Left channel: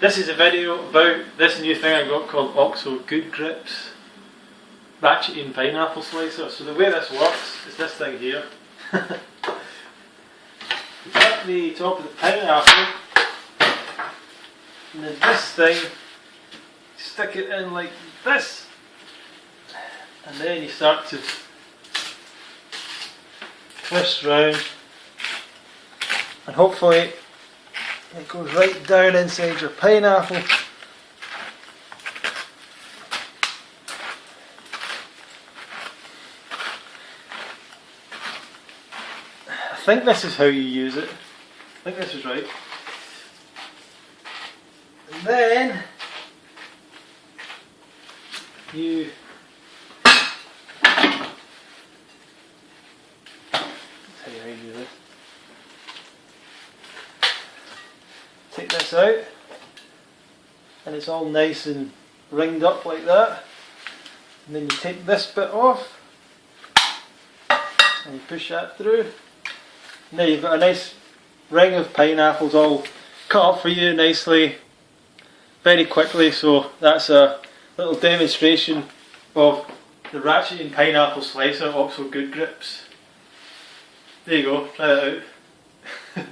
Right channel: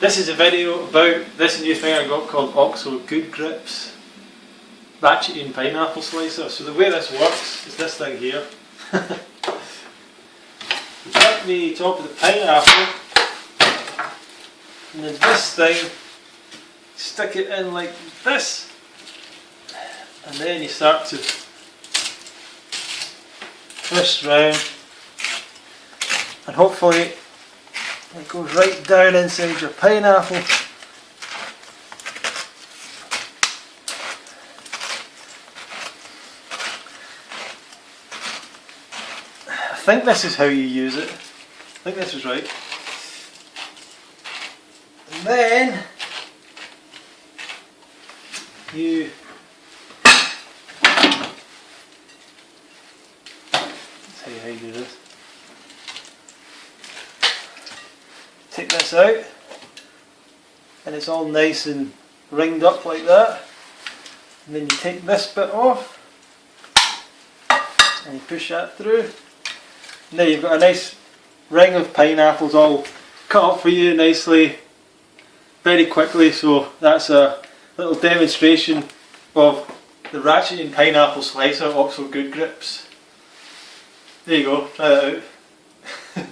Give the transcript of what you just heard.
This is a video about this new thing I got called OXO Good Grips Ratcheting Pineapple Slicer. So the way this works is this thing here. You take the top of the pineapple and then this thing, stick it in like this, and then you start to twist round and hopefully it goes right down inside your pineapple. I think this is how you use it. I think this is right. And then you let's tell you how you do this. Take this out and it's all nice and ringed up like that, and then you take this bit off and you push that through. Now you've got a nice ring of pineapples all cut up for you nicely, very quickly. So that's a little demonstration of the Ratcheting Pineapple Slicer OXO Good Grips. There you go, try that out.